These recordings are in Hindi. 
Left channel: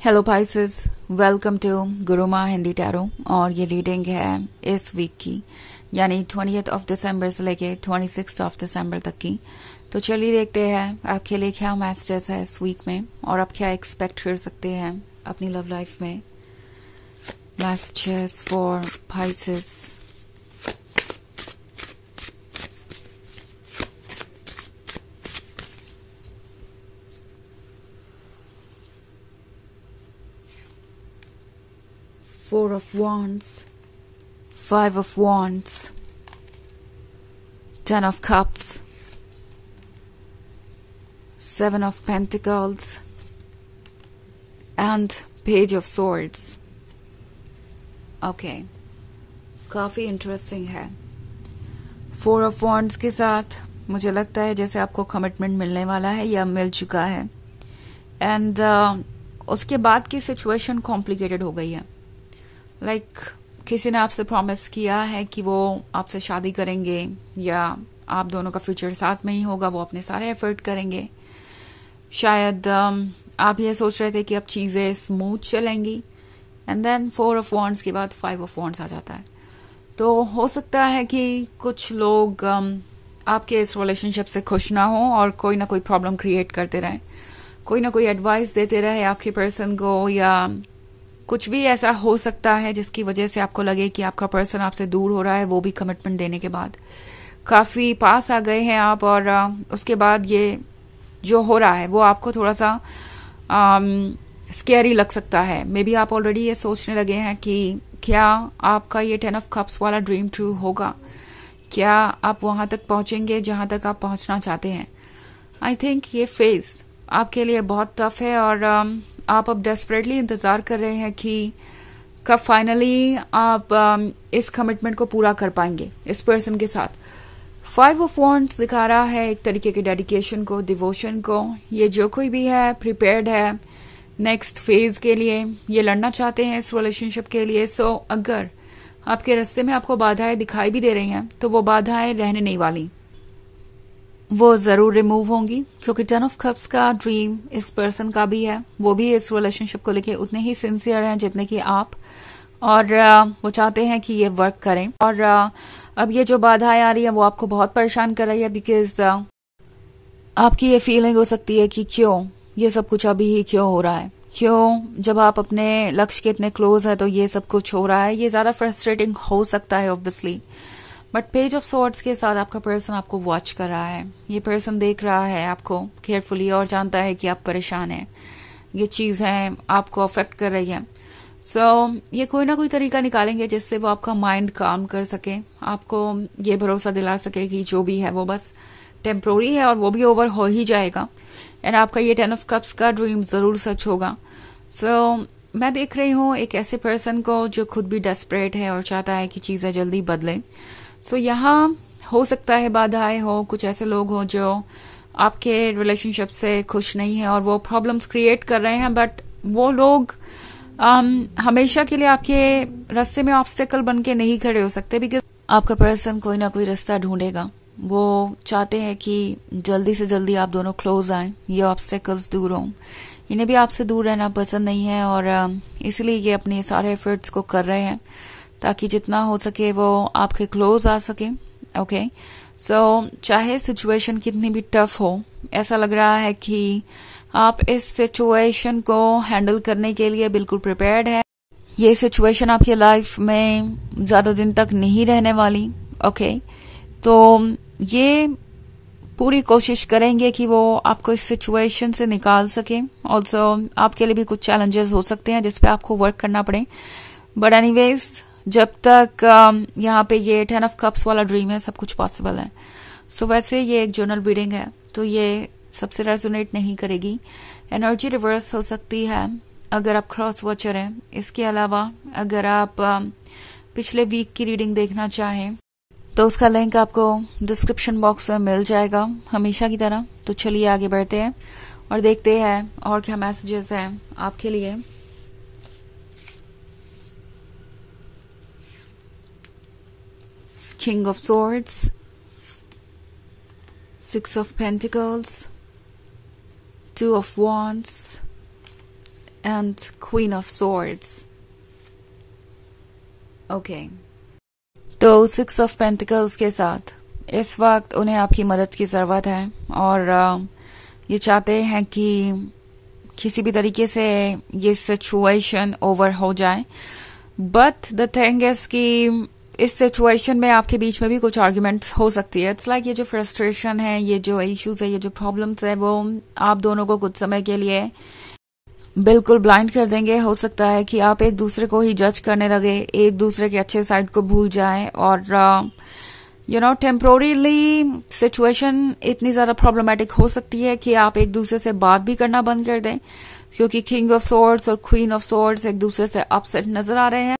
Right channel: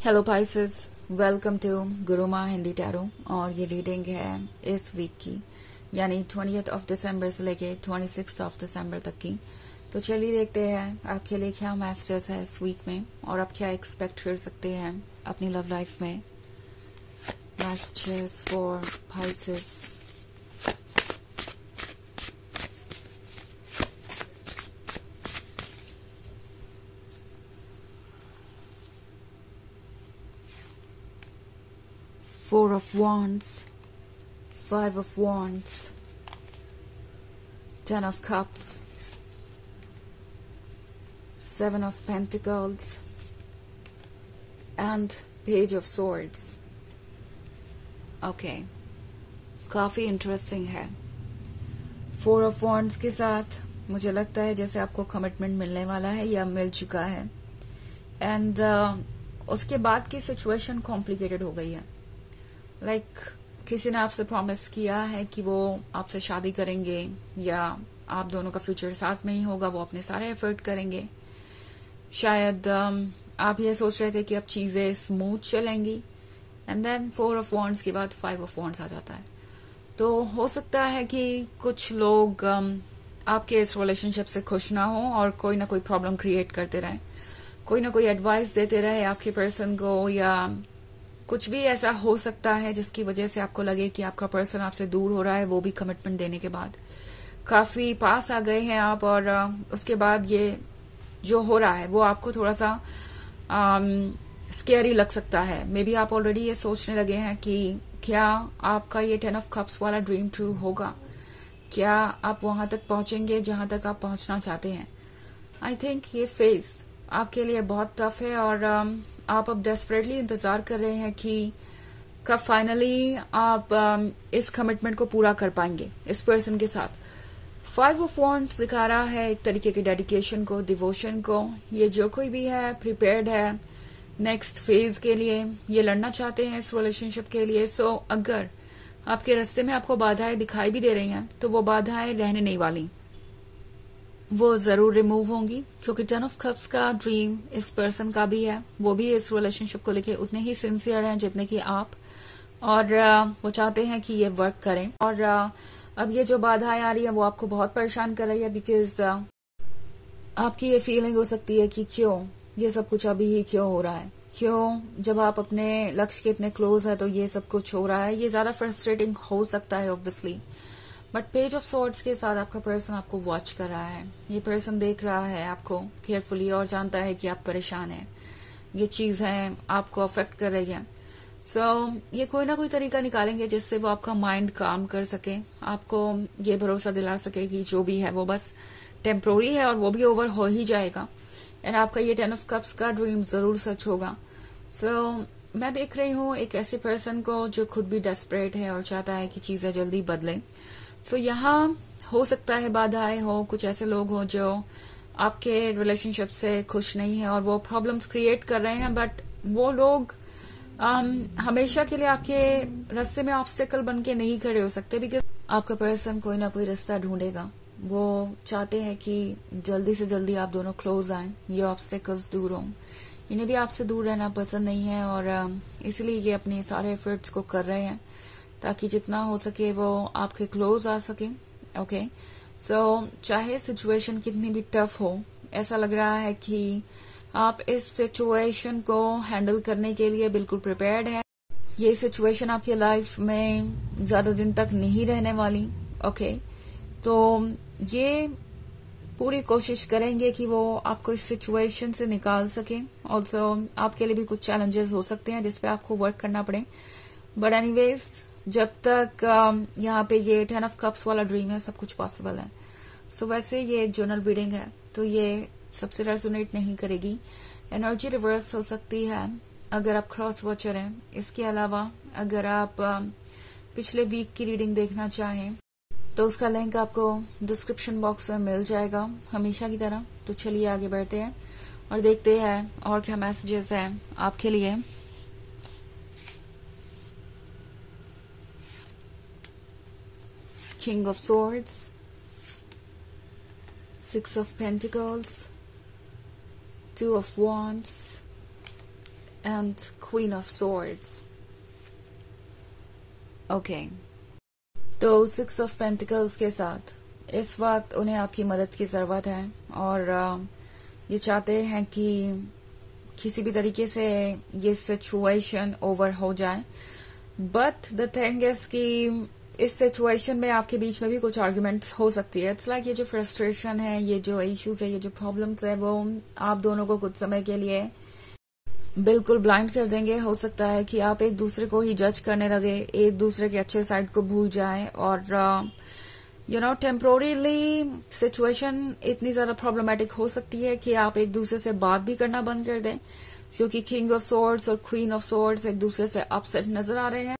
Hello Pisces, welcome to Guruma Hindi tarot. और ये रीडिंग है इस वीक की, यानी 20th ऑफ दिसंबर से लेके 26th ऑफ दिसंबर तक की। तो चलिए देखते हैं आपके लिए क्या मैसेजेस है इस वीक में और आप क्या एक्सपेक्ट कर सकते हैं अपनी लव लाइफ में। Messages for Pisces. Four of Wands, Five of Wands, Ten of Cups, Seven of Pentacles, and Page of Swords. Okay, काफी इंटरेस्टिंग है। Four of Wands के साथ मुझे लगता है जैसे आपको कमिटमेंट मिलने वाला है या मिल चुका है, एंड उसके बाद की सिचुएशन कॉम्प्लिकेटेड हो गई है। किसी ने आपसे प्रॉमिस किया है कि वो आपसे शादी करेंगे या आप दोनों का फ्यूचर साथ में ही होगा, वो अपने सारे एफर्ट करेंगे। शायद आप ये सोच रहे थे कि अब चीजें स्मूथ चलेंगी, एंड देन 4 ऑफ वॉन्ड्स के बाद 5 ऑफ वॉन्ड्स आ जाता है। तो हो सकता है कि कुछ लोग आपके इस रिलेशनशिप से खुश ना हो और कोई ना कोई प्रॉब्लम क्रिएट करते रहे, कोई ना कोई एडवाइस देते रहे आपके पर्सन को, या कुछ भी ऐसा हो सकता है जिसकी वजह से आपको लगे कि आपका पर्सन आपसे दूर हो रहा है, वो भी कमिटमेंट देने के बाद। काफी पास आ गए हैं आप, और उसके बाद ये जो हो रहा है वो आपको थोड़ा सा स्कैरी लग सकता है। मे बी आप ऑलरेडी ये सोचने लगे हैं कि क्या आपका ये 10 ऑफ कप्स वाला ड्रीम ट्रू होगा, क्या आप वहां तक पहुंचेंगे जहां तक आप पहुंचना चाहते हैं। आई थिंक ये फेज आपके लिए बहुत टफ है, और आप अब डेस्परेटली इंतजार कर रहे हैं कि कब फाइनली आप इस कमिटमेंट को पूरा कर पाएंगे इस पर्सन के साथ। 5 ऑफ वॉन्ड्स दिखा रहा है एक तरीके के डेडिकेशन को, डिवोशन को। ये जो कोई भी है प्रिपेयर्ड है नेक्स्ट फेज के लिए, ये लड़ना चाहते हैं इस रिलेशनशिप के लिए। सो अगर आपके रास्ते में आपको बाधाएं दिखाई भी दे रही हैं तो वो बाधाएं रहने नहीं वाली, वो जरूर रिमूव होंगी, क्योंकि 10 ऑफ कप्स का ड्रीम इस पर्सन का भी है। वो भी इस रिलेशनशिप को लेके उतने ही सिंसियर हैं जितने कि आप, और वो चाहते हैं कि ये वर्क करें। और अब ये जो बाधाएं आ रही है वो आपको बहुत परेशान कर रही है, बिकॉज आपकी ये फीलिंग हो सकती है कि क्यों ये सब कुछ अभी ही क्यों हो रहा है, क्यों जब आप अपने लक्ष्य के इतने क्लोज है तो ये सब कुछ हो रहा है। ये ज्यादा फ्रस्ट्रेटिंग हो सकता है obviously, but page of swords के साथ आपका पर्सन आपको वॉच कर रहा है। ये पर्सन देख रहा है आपको केयरफुली और जानता है कि आप परेशान हैं, ये चीजें आपको अफेक्ट कर रही है। सो ये कोई ना कोई तरीका निकालेंगे जिससे वो आपका माइंड काम कर सके, आपको ये भरोसा दिला सके कि जो भी है वो बस टेम्पोररी है और वो भी ओवर हो ही जाएगा, एंड आपका ये 10 ऑफ कप्स का ड्रीम जरूर सच होगा। सो मैं देख रही हूँ एक ऐसे पर्सन को जो खुद भी डेस्परेट है और चाहता है कि चीजें जल्दी बदलें। सो यहाँ हो सकता है बाधाएं हो, कुछ ऐसे लोग हो जो आपके रिलेशनशिप से खुश नहीं है और वो प्रॉब्लम्स क्रिएट कर रहे हैं, बट वो लोग हमेशा के लिए आपके रास्ते में ऑब्स्टेकल बन के नहीं खड़े हो सकते, बिकॉज आपका पर्सन कोई ना कोई रास्ता ढूंढेगा। वो चाहते हैं कि जल्दी से जल्दी आप दोनों क्लोज आए, ये ऑब्स्टेकल्स दूर हों। इन्हें भी आपसे दूर रहना पसंद नहीं है, और इसलिए ये अपने सारे एफर्ट्स को कर रहे हैं ताकि जितना हो सके वो आपके क्लोज आ सके। ओके, सो चाहे सिचुएशन कितनी भी टफ हो, ऐसा लग रहा है कि आप इस सिचुएशन को हैंडल करने के लिए बिल्कुल प्रिपेयर्ड है। ये सिचुएशन आपकी लाइफ में ज्यादा दिन तक नहीं रहने वाली। ओके, तो ये पूरी कोशिश करेंगे कि वो आपको इस सिचुएशन से निकाल सके। ऑल्सो आपके लिए भी कुछ चैलेंजेस हो सकते हैं जिसपे आपको वर्क करना पड़े, बट एनीवेज जब तक यहाँ पे ये 10 ऑफ कप्स वाला ड्रीम है सब कुछ पॉसिबल है। सो वैसे ये एक जर्नल रीडिंग है तो ये सबसे रेजोनेट नहीं करेगी, एनर्जी रिवर्स हो सकती है अगर आप क्रॉस वॉचर हैं। इसके अलावा अगर आप पिछले वीक की रीडिंग देखना चाहें तो उसका लिंक आपको डिस्क्रिप्शन बॉक्स में मिल जाएगा हमेशा की तरह। तो चलिए आगे बढ़ते हैं और देखते हैं और क्या मैसेजेस हैं आपके लिए। King of Swords, 6 of Pentacles, 2 of Wands, and queen of swords. Okay, तो 6 ऑफ पेंटिकल्स के साथ इस वक्त उन्हें आपकी मदद की जरूरत है और ये चाहते हैं कि किसी भी तरीके से ये सिचुएशन ओवर हो जाए। बट द थिंग इज कि इस सिचुएशन में आपके बीच में भी कुछ आर्ग्यूमेंट्स हो सकती है। इट्स लाइक ये जो फ्रस्ट्रेशन है, ये जो इश्यूज है, ये जो प्रॉब्लम्स है, वो आप दोनों को कुछ समय के लिए बिल्कुल ब्लाइंड कर देंगे। हो सकता है कि आप एक दूसरे को ही जज करने लगे, एक दूसरे के अच्छे साइड को भूल जाएं और टेम्पोररीली सिचुएशन इतनी ज्यादा प्रॉब्लमेटिक हो सकती है कि आप एक दूसरे से बात भी करना बंद कर दें, क्योंकि किंग ऑफ सॉर्ड्स और क्वीन ऑफ सॉर्ड्स एक दूसरे से अपसेट नजर आ रहे हैं।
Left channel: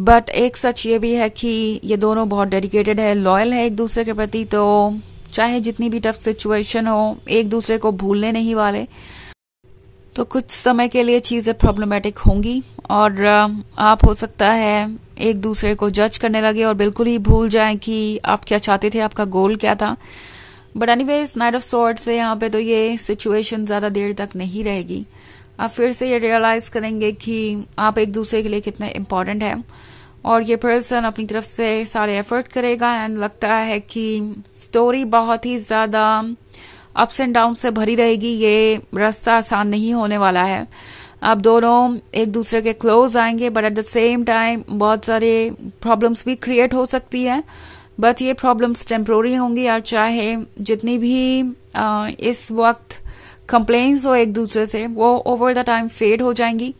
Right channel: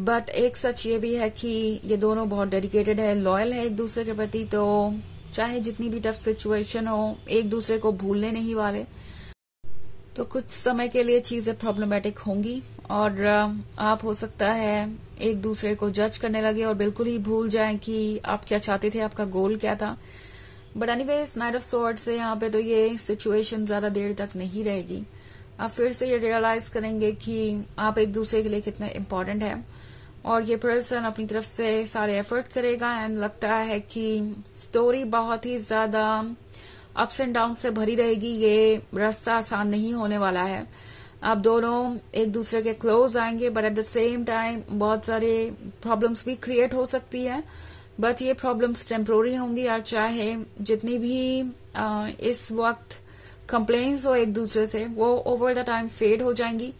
बट एक सच ये भी है कि ये दोनों बहुत डेडिकेटेड है, लॉयल है एक दूसरे के प्रति, तो चाहे जितनी भी टफ सिचुएशन हो एक दूसरे को भूलने नहीं वाले। तो कुछ समय के लिए चीजें प्रॉब्लमेटिक होंगी और आप हो सकता है एक दूसरे को जज करने लगे और बिल्कुल ही भूल जाएं कि आप क्या चाहते थे, आपका गोल क्या था। But anyways, night of swords से यहाँ पे तो ये सिचुएशन ज्यादा देर तक नहीं रहेगी। आप फिर से ये रियलाइज करेंगे कि आप एक दूसरे के लिए कितने इम्पोर्टेंट है और ये पर्सन अपनी तरफ से सारे एफर्ट करेगा। एंड लगता है कि स्टोरी बहुत ही ज्यादा अप्स एंड डाउन से भरी रहेगी, ये रास्ता आसान नहीं होने वाला है। आप दोनों एक दूसरे के क्लोज आएंगे, but at the same time बहुत सारे प्रॉब्लम्स भी क्रिएट हो सकती है। बट ये प्रॉब्लम्स टेम्पोररी होंगी और चाहे जितनी भी इस वक्त कंप्लेन्स हो एक दूसरे से, वो ओवर द टाइम फेड हो जाएंगी,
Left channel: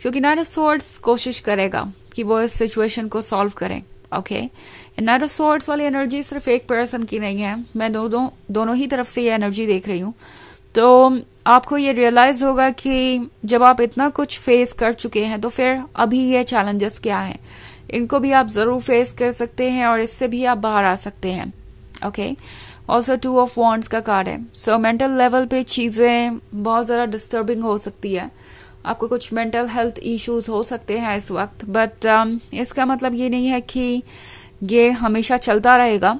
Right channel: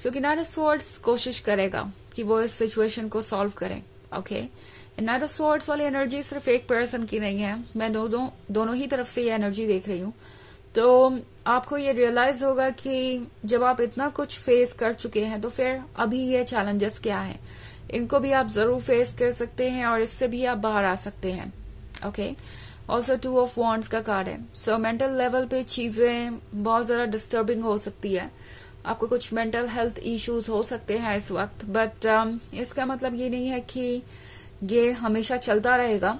क्योंकि नाइट ऑफ सॉर्ड्स कोशिश करेगा कि वो इस सिचुएशन को सॉल्व करे। ओके, नाइट ऑफ सॉर्ड्स वाली एनर्जी सिर्फ एक पर्सन की नहीं है, मैं दोनों ही तरफ से ये एनर्जी देख रही हूँ। तो आपको ये रियलाइज होगा कि जब आप इतना कुछ फेस कर चुके हैं तो फिर अभी ये चैलेंजेस क्या हैं, इनको भी आप जरूर फेस कर सकते हैं और इससे भी आप बाहर आ सकते हैं। ओके, ऑल्सो 2 ऑफ वॉन्ड्स का कार्ड है। सो मेंटल लेवल पे चीजें बहुत ज्यादा डिस्टर्बिंग हो सकती है, आपको कुछ मेंटल हेल्थ इश्यूज हो सकते हैं इस वक्त। बट इसका मतलब ये नहीं है कि ये हमेशा चलता रहेगा।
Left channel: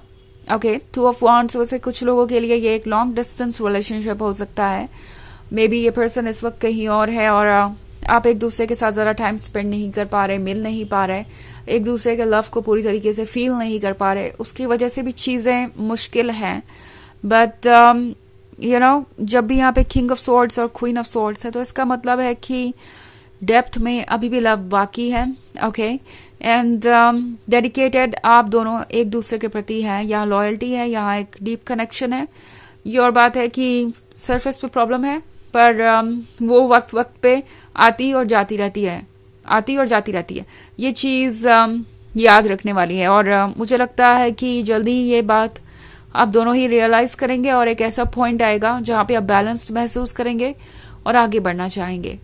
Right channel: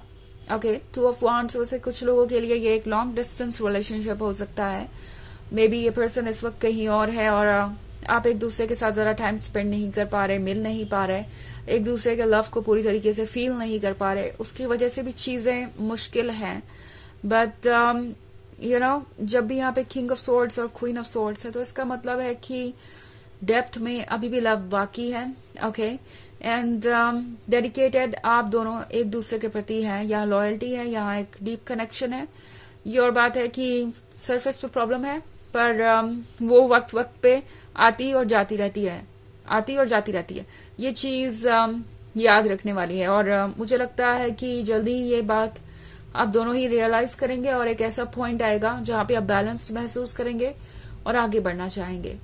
ओके, 2 ऑफ वॉन्ड्स वैसे कुछ लोगों के लिए ये एक लॉन्ग डिस्टेंस रिलेशनशिप हो सकता है। मे बी ये पर्सन इस वक्त कहीं और है और आप एक दूसरे के साथ ज्यादा टाइम स्पेंड नहीं कर पा रहे, मिल नहीं पा रहे, एक दूसरे के लव को पूरी तरीके से फील नहीं कर पा रहे, उसकी वजह से भी चीजें मुश्किल हैं। बट जब भी यहाँ पे किंग ऑफ सॉर्ड्स और क्वीन ऑफ सॉर्ड्स है, तो इसका मतलब है कि डेप्थ में अभी भी लव बाकी है। ओके, एंड डेडिकेटेड आप दोनों एक दूसरे के प्रति हैं, यहाँ लॉयल्टी है, यहाँ एक डीप कनेक्शन है। ये और बात है कि सरफेस पे प्रॉब्लम है, पर वो वक्त वक्त पे आती और जाती रहती है। ये चीज याद रखने वाली है और मुझे लगता है कि जल्दी ये बात आप दोनों ही रियलाइज करेंगे और एक ऐसा पॉइंट आएगा जहां पे आप बैलेंस्ड महसूस करेंगे और आगे बढ़ना चाहेंगे।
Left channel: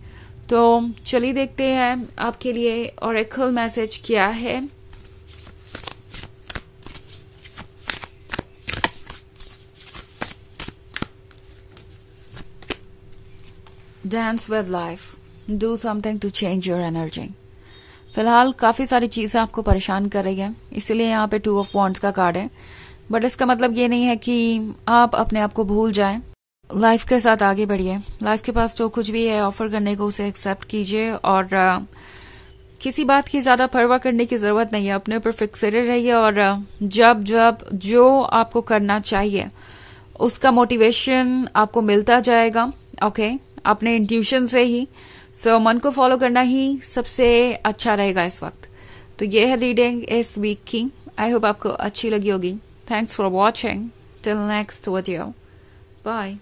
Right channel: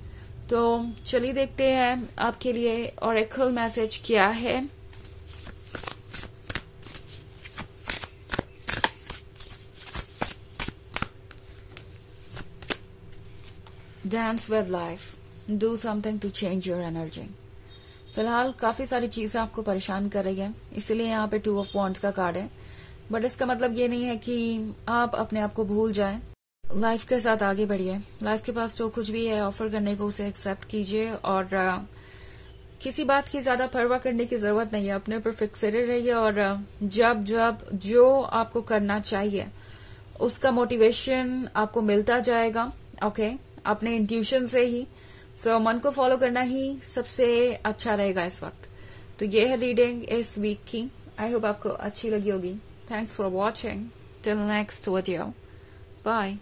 तो चलिए देखते हैं आपके लिए ऑरेकल मैसेज क्या है। Dance with life, do something to change your energy. फिलहाल काफी सारी चीजें आपको परेशान कर रही है, इसीलिए यहाँ पे 2 ऑफ वॉन्ड्स का कार्ड है। बट इसका मतलब ये नहीं है कि आप अपने आप को भूल जाएं, लाइफ के साथ आगे बढ़िए। लाइफ के पास जो कुछ भी है ऑफर करने को उसे एक्सेप्ट कीजिए और किसी बात की ज्यादा परवाह करने की जरूरत नहीं है, अपने ऊपर फिक्सेटेड रहिए और जब जो आपको करना चाहिए उसका मोटिवेशन आपको मिलता जाएगा। ओके, अपने इंट्यूशन से ही। सो मन को फॉलो करना ही सबसे अच्छा रहेगा इस वक्त। तो ये है रीडिंग इस वीक की। आई होप आपको अच्छी लगी होगी। Thanks for watching. Till next video, bye.